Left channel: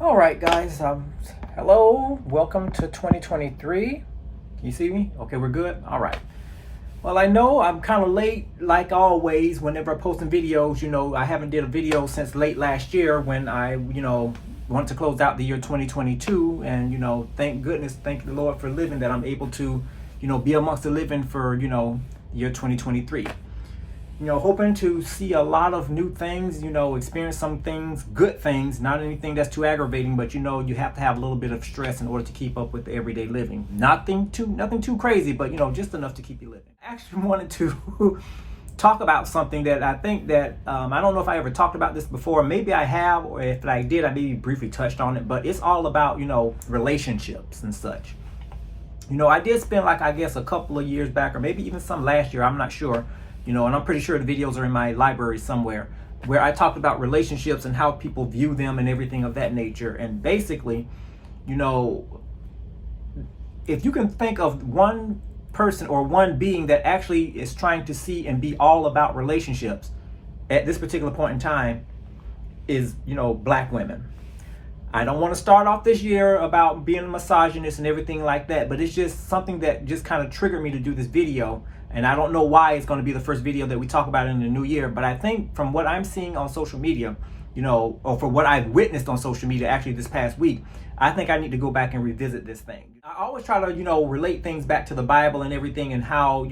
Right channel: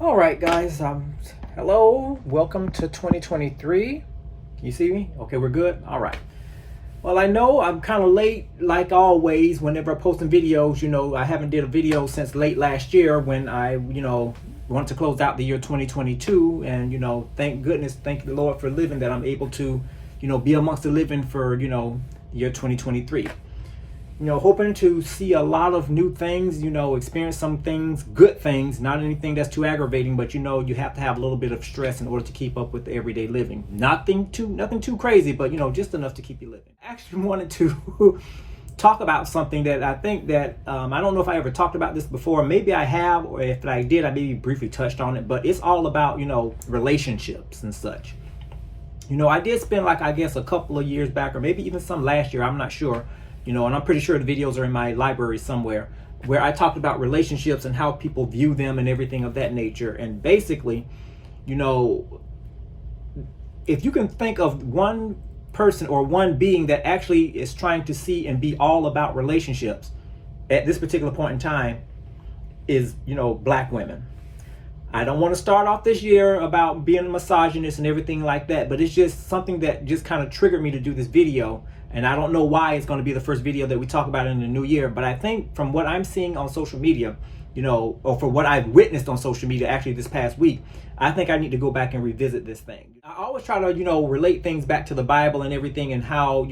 All right, guys. Hello. Welcome to 2023. Can you see me? Okay, we're good. All right. Well, I know I'm kind of late, like always. Whenever I'm posting videos, I haven't did a video since late last year when I, wanted to close out the year 2022, and thank goodness, thank the Lord for living that I'm able to, be amongst the living for, the year 2023. Hoping to see a lot of new things, experience some things, good things, not anything that's too aggravating, but you have to have a little bit of stress in order to keep up with the everyday living. Nothing too crazy, but just enough to keep you living. I actually wanted to talk about something that I think that, I don't know if I ever talked about this before. Maybe I have, or if I did, I maybe briefly touched on it, but it's all about, relationships and such. I did spend a couple of years back, or maybe even some last year, I'm not sure, and I'm pretty sure the videos are in my library somewhere, where I talked about relationships and how people view them and everything of that nature. And basically, if you can think of one person or one being that actually is trying to see and be all about relationships at this particular point in time, is, black women. I don't want to start off this year about being a misogynist and everything like that, but it's just something that just kind of triggered me to do this video. And I don't know why it's going to be the first video that we talk about in the new year, but I think from what I'm seeing on social media, or for what I've witnessed on social media actually this past week, I think I need to go back and revisit this thing. I always try to, relate things back to the Bible and everything, and how,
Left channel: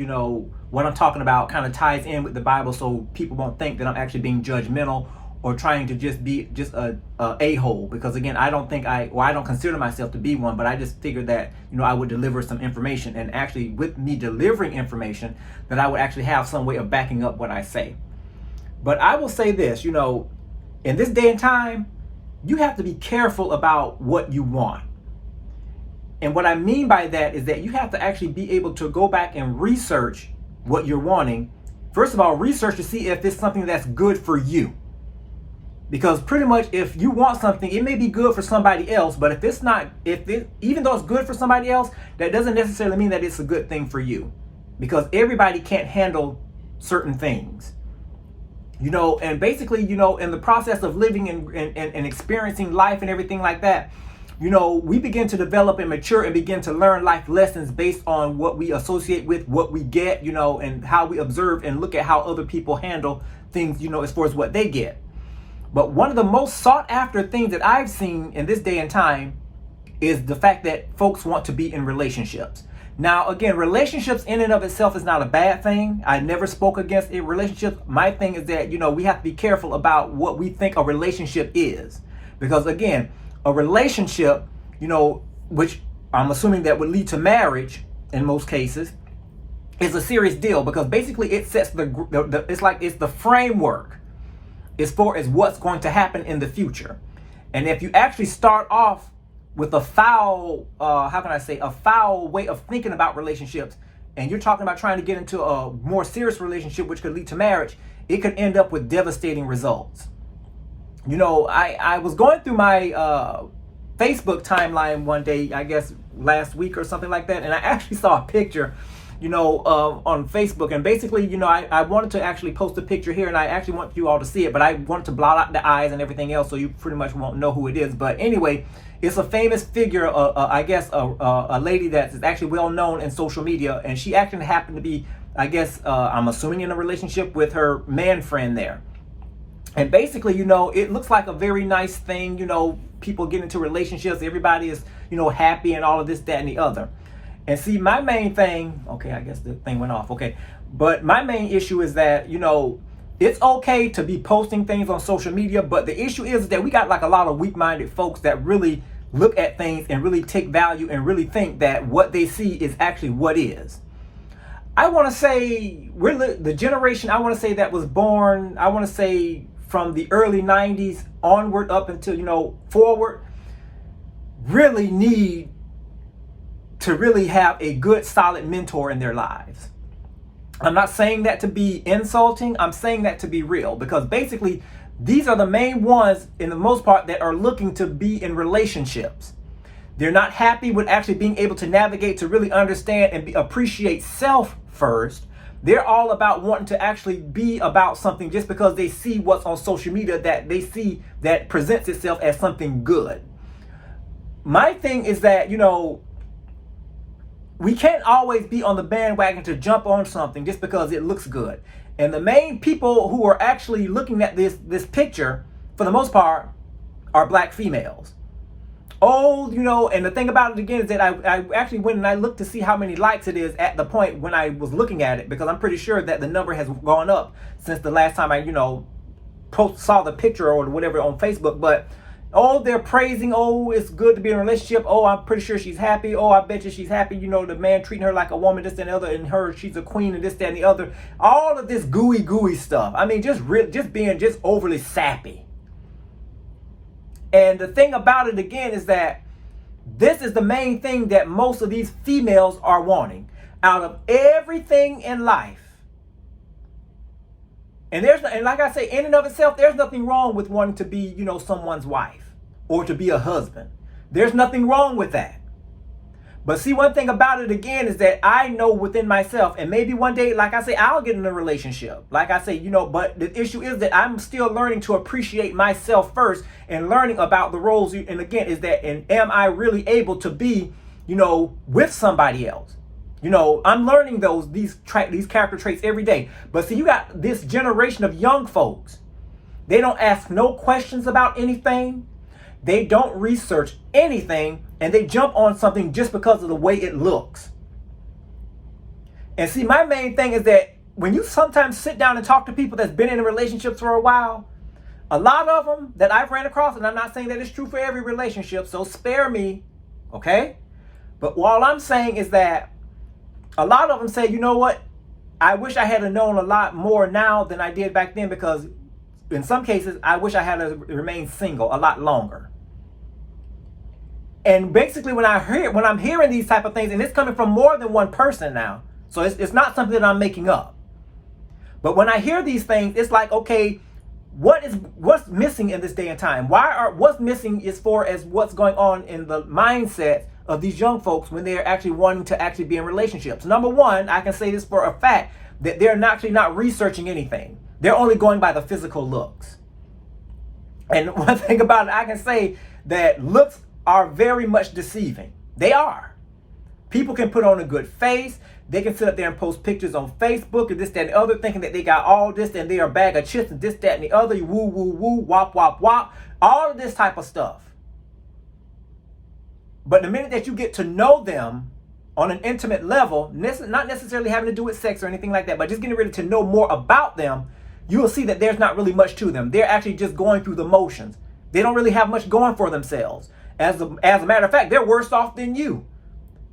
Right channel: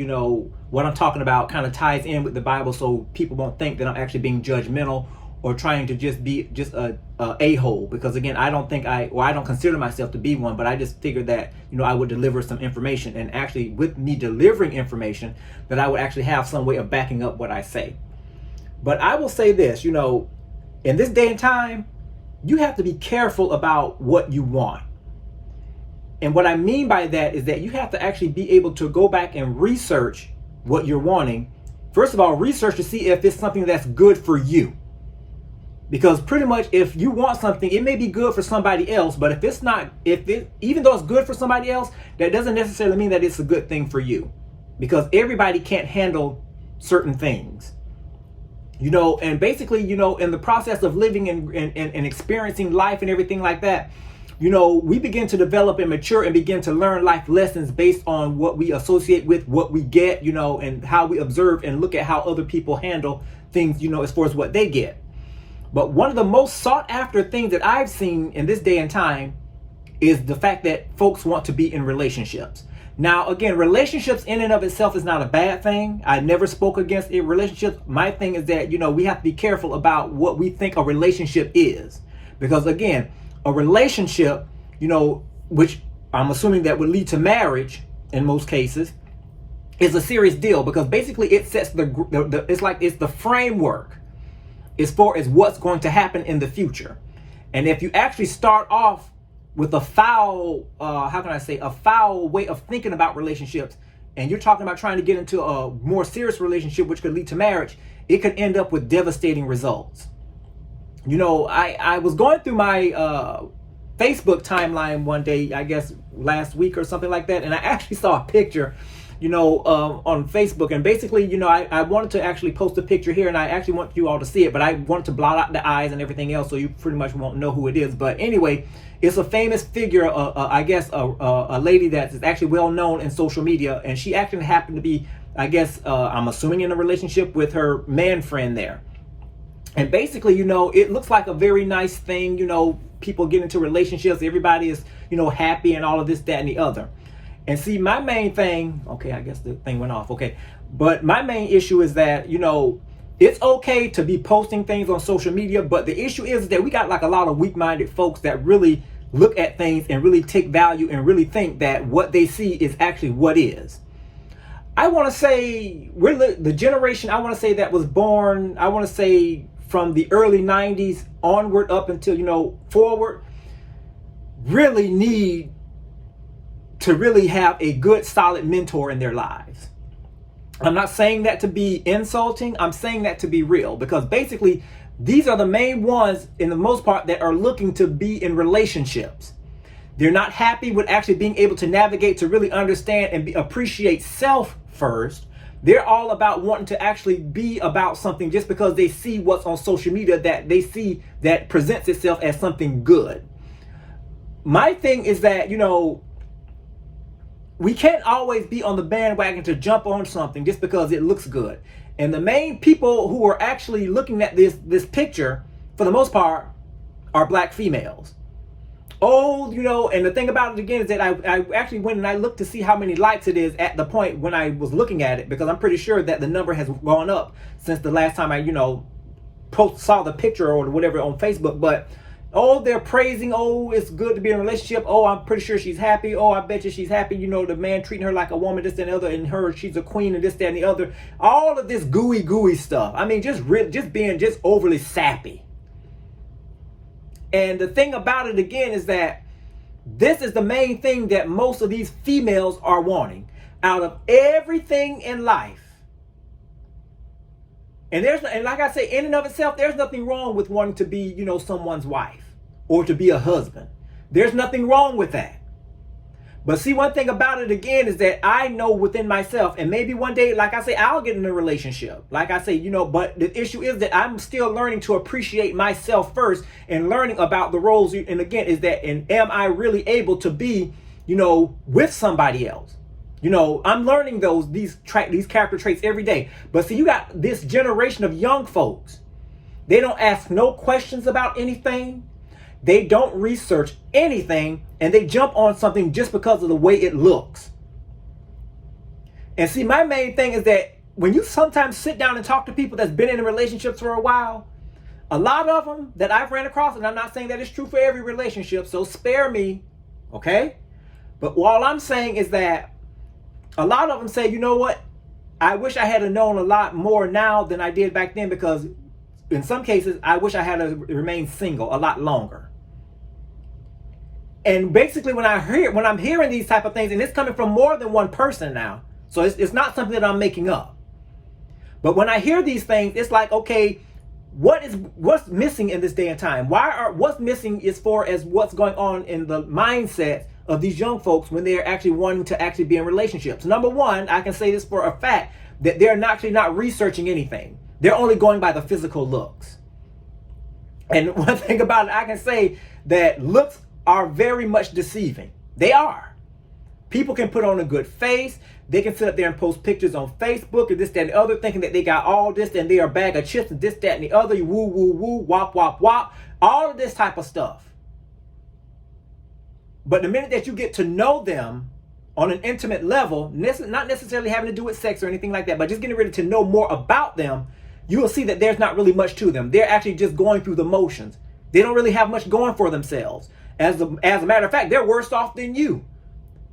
what I'm talking about kind of ties in with the Bible, so people won't think that I'm actually being judgmental or trying to just be a a-hole, because again, I don't consider myself to be one, but I just figured that, I would deliver some information, and actually with me delivering information, that I would actually have some way of backing up what I say. But I will say this, in this day and time, you have to be careful about what you want. And what I mean by that is that you have to actually be able to go back and research what you're wanting. First of all, research to see if it's something that's good for you. Because pretty much if you want something, it may be good for somebody else, but even though it's good for somebody else, that doesn't necessarily mean that it's a good thing for you. Because everybody can't handle certain things. And basically, in the process of living and experiencing life and everything like that, we begin to develop and mature and begin to learn life lessons based on what we associate with, what we get, and how we observe and look at how other people handle things, as far as what they get. But one of the most sought after things that I've seen in this day and time is the fact that folks want to be in relationships. Now, again, relationships in and of itself is not a bad thing. I never spoke against a relationship. My thing is that, we have to be careful about what we think a relationship is. Because again, a relationship, which I'm assuming that would lead to marriage in most cases, is a serious deal, because basically it sets it's the framework as far as what's going to happen in the future. And if you actually start off with a foul way of thinking about relationships, and you're talking about trying to get into a more serious relationship, which could lead to marriage, it could end up with devastating results. I was going through my Facebook timeline one day, I guess last week or something like that, and I actually saw a picture on Facebook, and basically, I wanted to actually post a picture here, and I actually want you all to see it, but I wanted to blot out the eyes and everything else, so you pretty much won't know who it is. But anyway, it's a famous figure, I guess a lady that is actually well known in social media, and she actually happened to be, I guess, I'm assuming in a relationship with her man friend there. And basically, it looks like a very nice thing, people get into relationships, everybody is, happy and all of this, that, and the other. And see, my main thing, okay, I guess the thing went off, okay. But my main issue is that, it's okay to be posting things on social media, but the issue is that we got a lot of weak-minded folks that really look at things and really take value and really think that what they see is actually what is. I want to say, we're the generation, I want to say, that was born, I want to say, from the early 90s onward up until, forward, really need to really have a good, solid mentor in their lives. I'm not saying that to be insulting. I'm saying that to be real, because basically these are the main ones, in the most part, that are looking to be in relationships. They're not happy with actually being able to navigate, to really understand and appreciate self first. They're all about wanting to actually be about something just because they see what's on social media that they see that presents itself as something good. my thing is that, we can't always be on the bandwagon to jump on something just because it looks good. And the main people who are actually looking at this picture, for the most part, are black females. Oh, and the thing about it again is that I actually went and I looked to see how many likes it is at the point when I was looking at it, because I'm pretty sure that the number has gone up since the last time I, saw the picture or whatever on Facebook. But oh, they're praising, oh, it's good to be in a relationship. Oh, I'm pretty sure she's happy. Oh, I bet you she's happy. The man treating her like a woman, this and the other, and she's a queen and this, that, and the other. All of this gooey stuff. I mean, just being overly sappy. And the thing about it again is that this is the main thing that most of these females are wanting out of everything in life. And like I say, in and of itself, there's nothing wrong with wanting to be, someone's wife or to be a husband. There's nothing wrong with that. But see, one thing about it again is that I know within myself, and maybe one day, like I say, I'll get in a relationship. Like I say, but the issue is that I'm still learning to appreciate myself first and learning about the roles. And again, and am I really able to be, with somebody else? I'm learning these character traits every day. But see, you got this generation of young folks. They don't ask no questions about anything. They don't research anything, and they jump on something just because of the way it looks. And see, my main thing is that when you sometimes sit down and talk to people that's been in relationships for a while, a lot of them that I've ran across, and I'm not saying that it's true for every relationship, so spare me, okay? But all I'm saying is that a lot of them say, you know what? I wish I had known a lot more now than I did back then, because in some cases, I wish I had remained single a lot longer. And basically, when I'm hearing these type of things, and it's coming from more than one person now, so it's not something that I'm making up. But when I hear these things, it's like, okay, what's missing in this day and time? What's missing as far as what's going on in the mindset of these young folks when they're actually wanting to actually be in relationships? Number one, I can say this for a fact, that they're actually not researching anything. They're only going by the physical looks. And one thing about it, I can say that looks are very much deceiving. They are. People can put on a good face. They can sit up there and post pictures on Facebook and this, that, and the other, thinking that they got all this and they are a bag of chips and this, that, and the other. Woo, woo, woo, wop, wop, wop. All of this type of stuff. But the minute that you get to know them on an intimate level, not necessarily having to do with sex or anything like that, but just getting ready to know more about them, you will see that there's not really much to them. They're actually just going through the motions. They don't really have much going for themselves. As a matter of fact, they're worse off than you.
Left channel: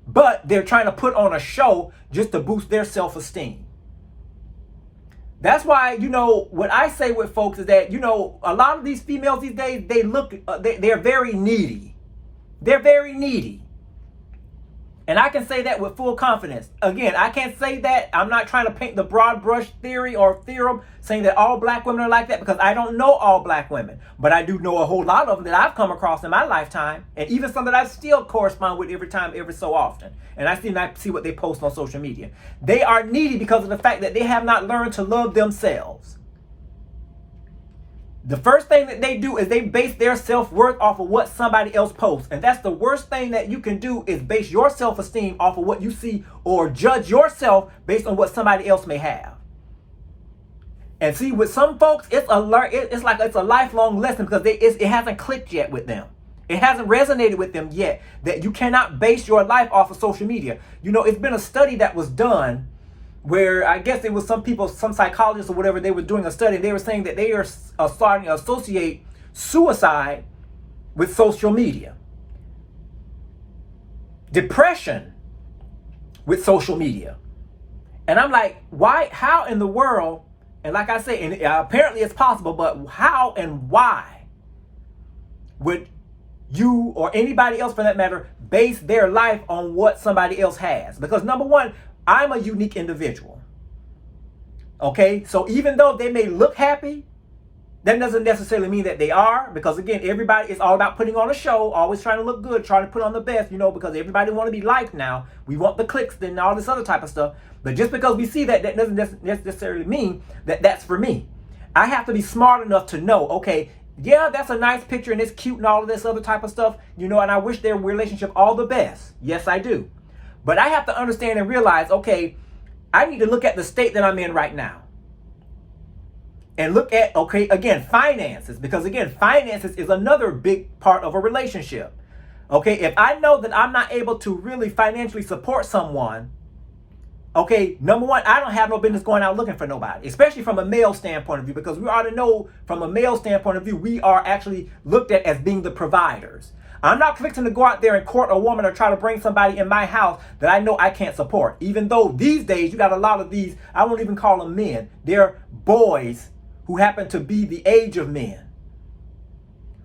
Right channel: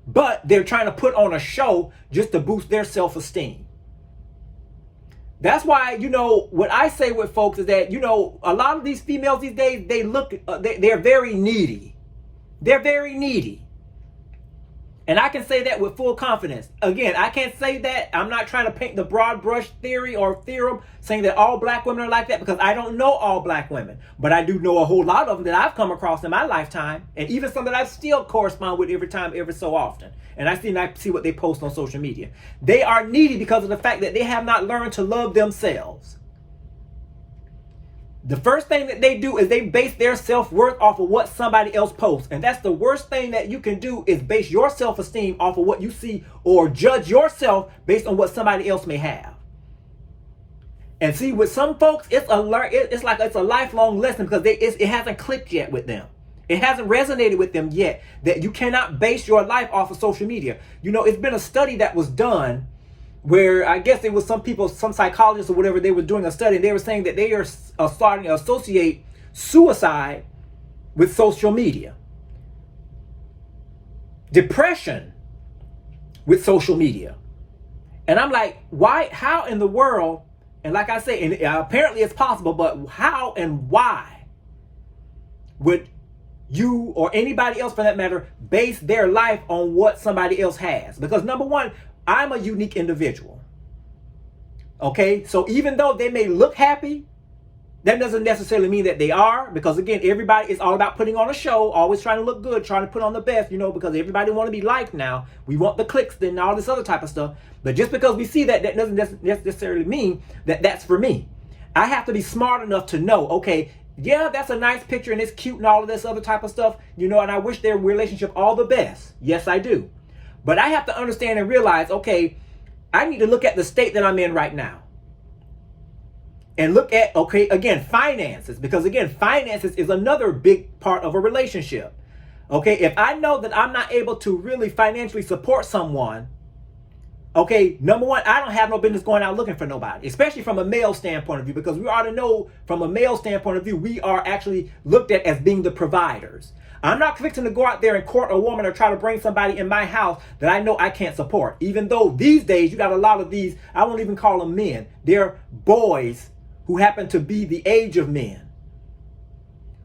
But they're trying to put on a show just to boost their self-esteem. That's why, what I say with folks is that, a lot of these females these days, they're very needy. They're very needy. And I can say that with full confidence. Again, I can't say that. I'm not trying to paint the broad brush theory or theorem saying that all black women are like that, because I don't know all black women. But I do know a whole lot of them that I've come across in my lifetime, and even some that I still correspond with every so often. And I see what they post on social media. They are needy because of the fact that they have not learned to love themselves. The first thing that they do is they base their self-worth off of what somebody else posts. And that's the worst thing that you can do, is base your self-esteem off of what you see, or judge yourself based on what somebody else may have. And see, with some folks, it's like it's a lifelong lesson, because it hasn't clicked yet with them. It hasn't resonated with them yet that you cannot base your life off of social media. It's been a study that was done where I guess it was some psychologists or whatever, they were doing a study, and they were saying that they are starting to associate suicide with social media. Depression with social media. And I'm like, why? How in the world? And like I say, and apparently it's possible, but how and why would you or anybody else for that matter base their life on what somebody else has? Because number one, I'm a unique individual. Okay, so even though they may look happy, that doesn't necessarily mean that they are, because again, everybody is all about putting on a show, always trying to look good, trying to put on the best, because everybody want to be liked now. We want the clicks and all this other type of stuff. But just because we see that doesn't necessarily mean that that's for me. I have to be smart enough to know, okay, Yeah, that's a nice picture and it's cute and all of this other type of stuff, and I wish their relationship all the best. Yes, I do. But I have to understand and realize, okay, I need to look at the state that I'm in right now. And look at, okay, again, finances. Because again, finances is another big part of a relationship. Okay, if I know that I'm not able to really financially support someone, okay, number one, I don't have no business going out looking for nobody, especially from a male standpoint of view, because we ought to know from a male standpoint of view, we are actually looked at as being the providers. I'm not fixing to go out there and court a woman or try to bring somebody in my house that I know I can't support. Even though these days you got a lot of these, I won't even call them men. They're boys who happen to be the age of men,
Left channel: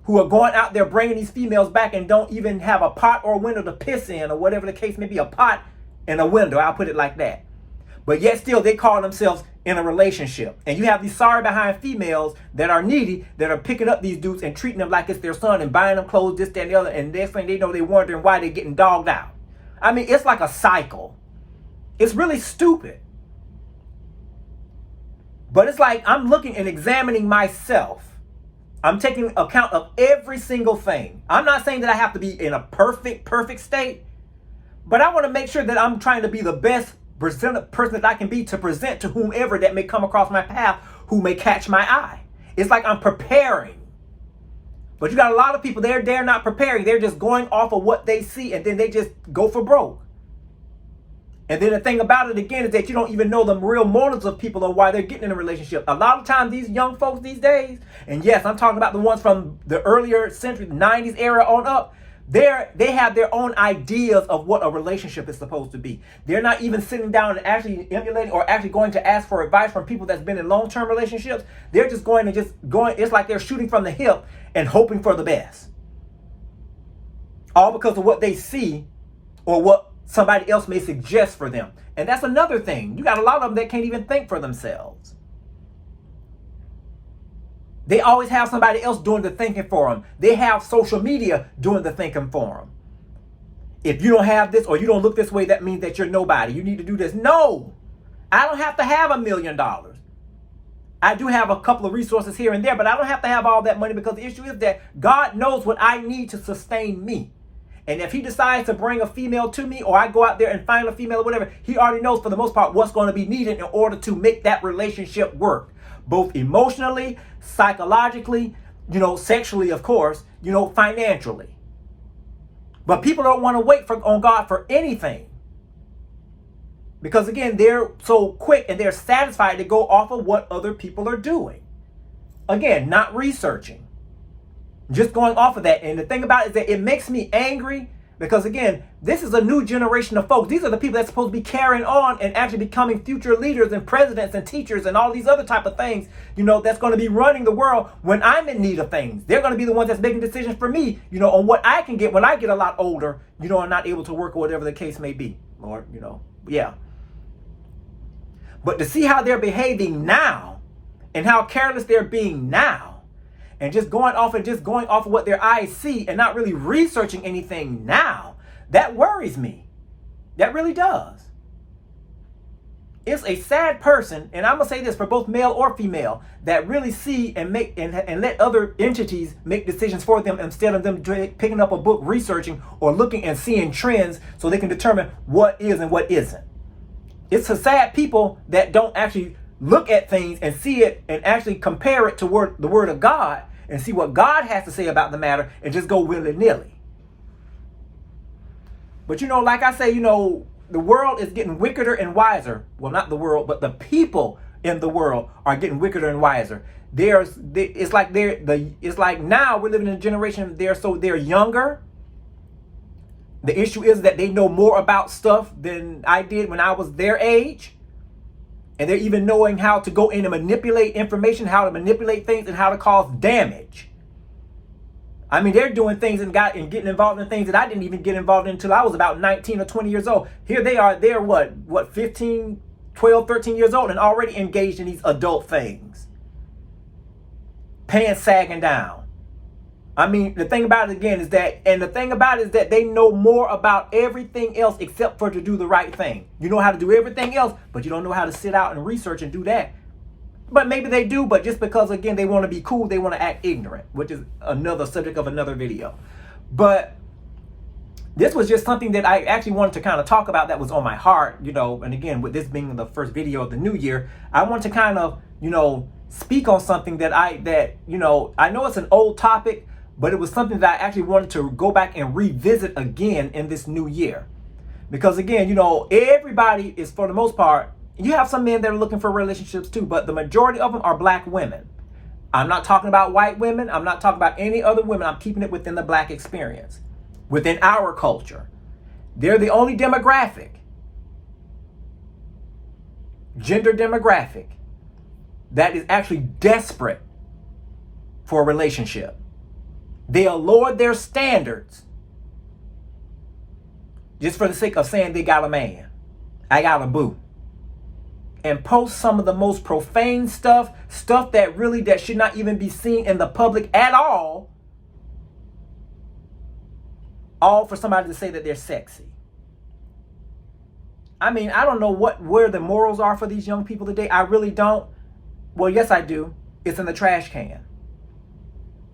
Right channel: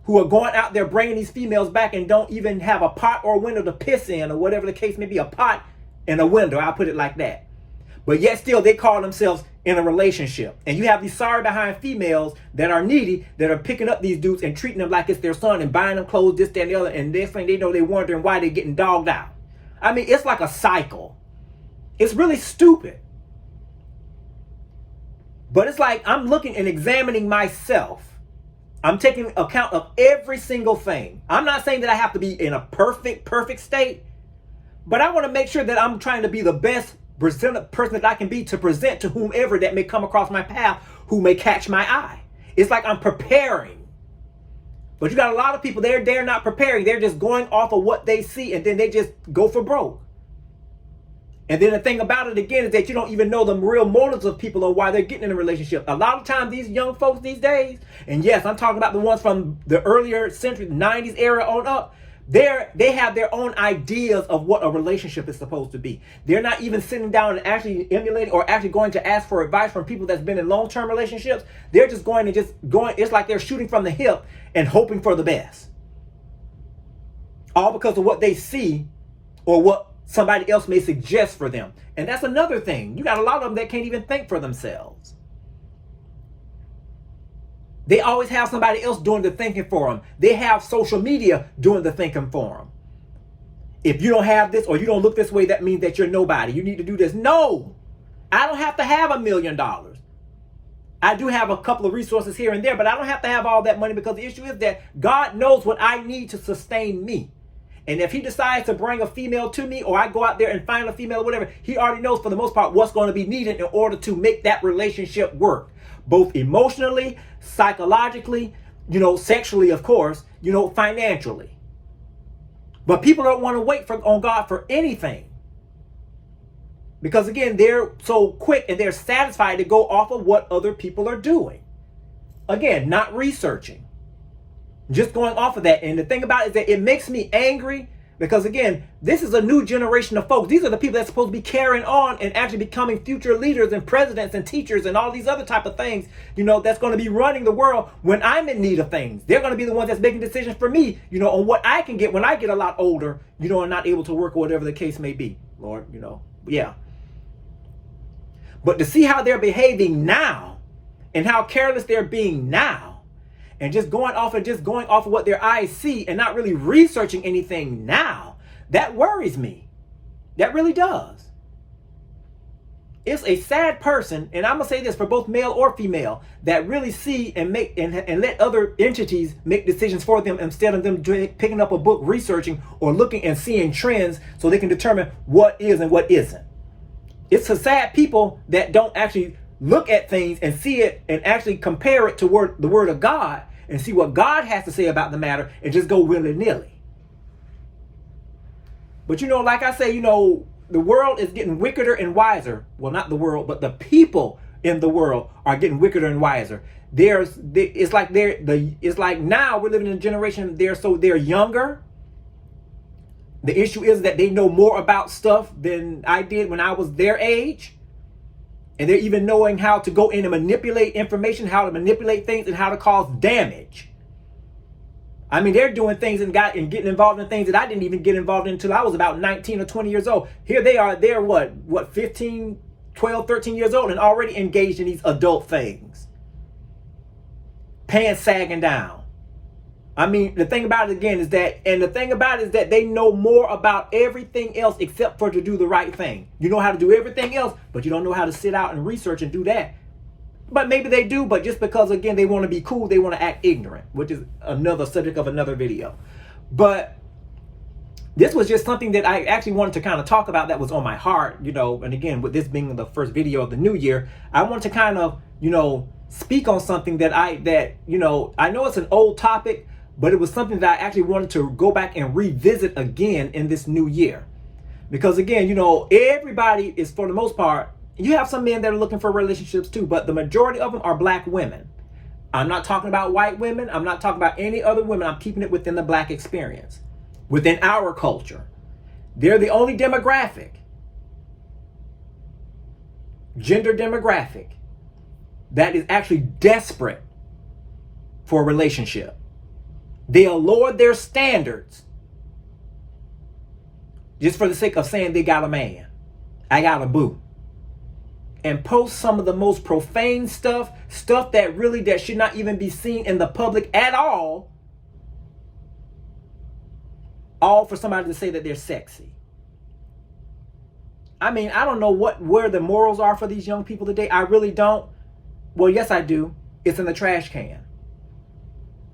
who are going out there bringing these females back and don't even have a pot or a window to piss in, or whatever the case may be, a pot and a window, I'll put it like that. But yet still they call themselves in a relationship. And you have these sorry behind females that are needy, that are picking up these dudes and treating them like it's their son and buying them clothes, this, that, and the other. And next thing they know, they're wondering why they're getting dogged out. I mean, it's like a cycle. It's really stupid. But it's like I'm looking and examining myself. I'm taking account of every single thing. I'm not saying that I have to be in a perfect state, but I want to make sure that I'm trying to be the best person that I can be to present to whomever that may come across my path who may catch my eye. It's like I'm preparing. But you got a lot of people, they're not preparing. They're just going off of what they see, and then they just go for broke. And then the thing about it again is that you don't even know the real motives of people or why they're getting in a relationship. A lot of times these young folks these days, and yes, I'm talking about the ones from the earlier century, 90s era on up, they have their own ideas of what a relationship is supposed to be. They're not even sitting down and actually emulating or actually going to ask for advice from people that's been in long-term relationships. They're just going. It's like they're shooting from the hip and hoping for the best. All because of what they see or what somebody else may suggest for them. And that's another thing. You got a lot of them that can't even think for themselves. They always have somebody else doing the thinking for them. They have social media doing the thinking for them. If you don't have this or you don't look this way, that means that you're nobody. You need to do this. No, I don't have to have $1 million. I do have a couple of resources here and there, but I don't have to have all that money, because the issue is that God knows what I need to sustain me. And if he decides to bring a female to me, or I go out there and find a female or whatever, he already knows for the most part what's going to be needed in order to make that relationship work. Both emotionally, psychologically, sexually, of course, financially. But people don't want to wait on God for anything. Because again, they're so quick and they're satisfied to go off of what other people are doing. Again, not researching. Just going off of that. And the thing about it is that it makes me angry, because again, this is a new generation of folks. These are the people that's supposed to be carrying on and actually becoming future leaders and presidents and teachers and all these other type of things, that's going to be running the world when I'm in need of things. They're going to be the ones that's making decisions for me, on what I can get when I get a lot older, and not able to work or whatever the case may be. Lord, yeah. But to see how they're behaving now and how careless they're being now, and just going off of what their eyes see and not really researching anything now, that worries me. That really does. It's a sad person, and I'm gonna say this for both male or female, that really see and make and let other entities make decisions for them instead of them picking up a book, researching or looking and seeing trends so they can determine what is and what isn't. It's a sad people that don't actually look at things and see it and actually compare it to the word of God and see what God has to say about the matter and just go willy-nilly. But like I say, the world is getting wickeder and wiser. Well, not the world, but the people in the world are getting wickeder and wiser. It's like now we're living in a generation they're younger. The issue is that they know more about stuff than I did when I was their age. And they're even knowing how to go in and manipulate information, how to manipulate things, and how to cause damage. I mean, they're doing things and getting involved in things that I didn't even get involved in until I was about 19 or 20 years old. Here they are, they're what, 15, 12, 13 years old and already engaged in these adult things. Pants sagging down. I mean, the thing about it again is that they know more about everything else except for to do the right thing. You know how to do everything else, but you don't know how to sit out and research and do that. But maybe they do, but just because, again, they want to be cool, they want to act ignorant, which is another subject of another video. But this was just something that I actually wanted to kind of talk about that was on my heart, you know, and again, with this being the first video of the new year, I want to kind of, you know, speak on something that, you know, I know it's an old topic, but it was something that I actually wanted to go back and revisit again in this new year. Because again, you know, everybody is, for the most part, you have some men that are looking for relationships too, but the majority of them are black women. I'm not talking about white women. I'm not talking about any other women. I'm keeping it within the black experience, within our culture. They're the only demographic, gender demographic, that is actually desperate for a relationship. They'll lower their standards just for the sake of saying they got a man. I got a boo. And post some of the most profane stuff that should not even be seen in the public at all for somebody to say that they're sexy. I mean, I don't know where the morals are for these young people today. I really don't. Well, yes, I do. It's in the trash can.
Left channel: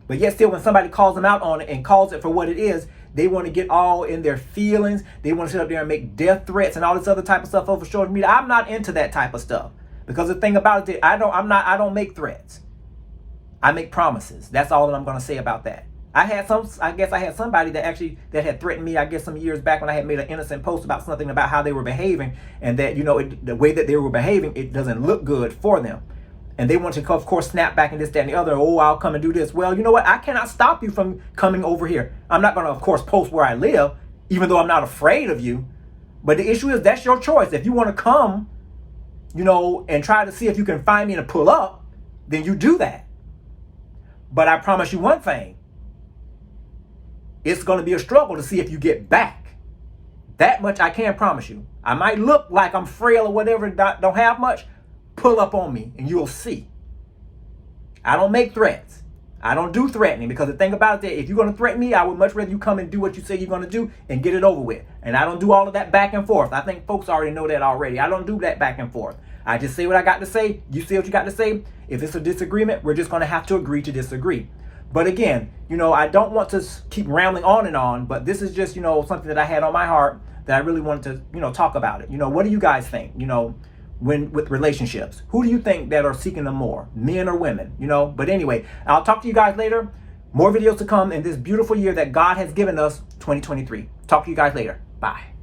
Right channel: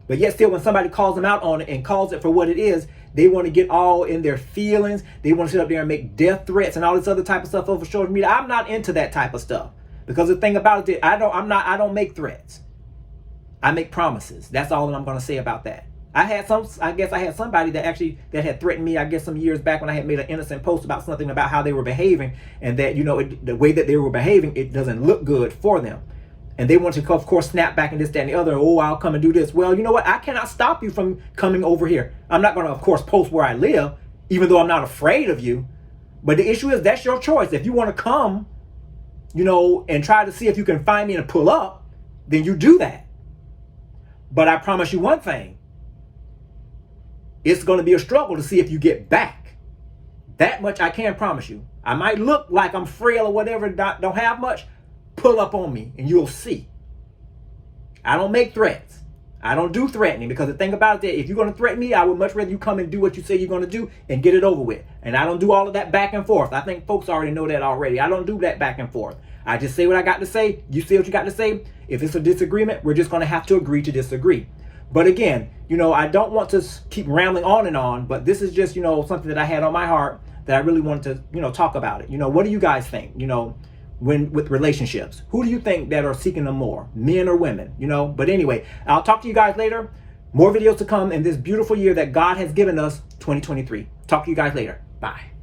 But yet still, when somebody calls them out on it and calls it for what it is, they want to get all in their feelings. They want to sit up there and make death threats and all this other type of stuff over social media. I'm not into that type of stuff, because the thing about it, I don't make threats. I make promises. That's all that I'm going to say about that. I guess I had somebody that had threatened me, I guess some years back, when I had made an innocent post about something about how they were behaving, and that, you know, the way that they were behaving, it doesn't look good for them. And they want to, of course, snap back and this, that, and the other. Oh, I'll come and do this. Well, you know what? I cannot stop you from coming over here. I'm not going to, of course, post where I live, even though I'm not afraid of you. But the issue is, that's your choice. If you want to come, you know, and try to see if you can find me and pull up, then you do that. But I promise you one thing. It's going to be a struggle to see if you get back. That much I can promise you. I might look like I'm frail or whatever, don't have much. Pull up on me and you'll see. I don't make threats. I don't do threatening, because the thing about it, if you're going to threaten me, I would much rather you come and do what you say you're going to do and get it over with. And I don't do all of that back and forth. I think folks already know that already. I don't do that back and forth. I just say what I got to say. You say what you got to say. If it's a disagreement, we're just going to have to agree to disagree. But again, you know, I don't want to keep rambling on and on, but this is just, you know, something that I had on my heart that I really wanted to, you know, talk about it. You know, what do you guys think? You know, with relationships, who do you think that are seeking them more, men or women? You know, but anyway, I'll talk to you guys later. More videos to come in this beautiful year that God has given us, 2023. Talk to you guys later. Bye.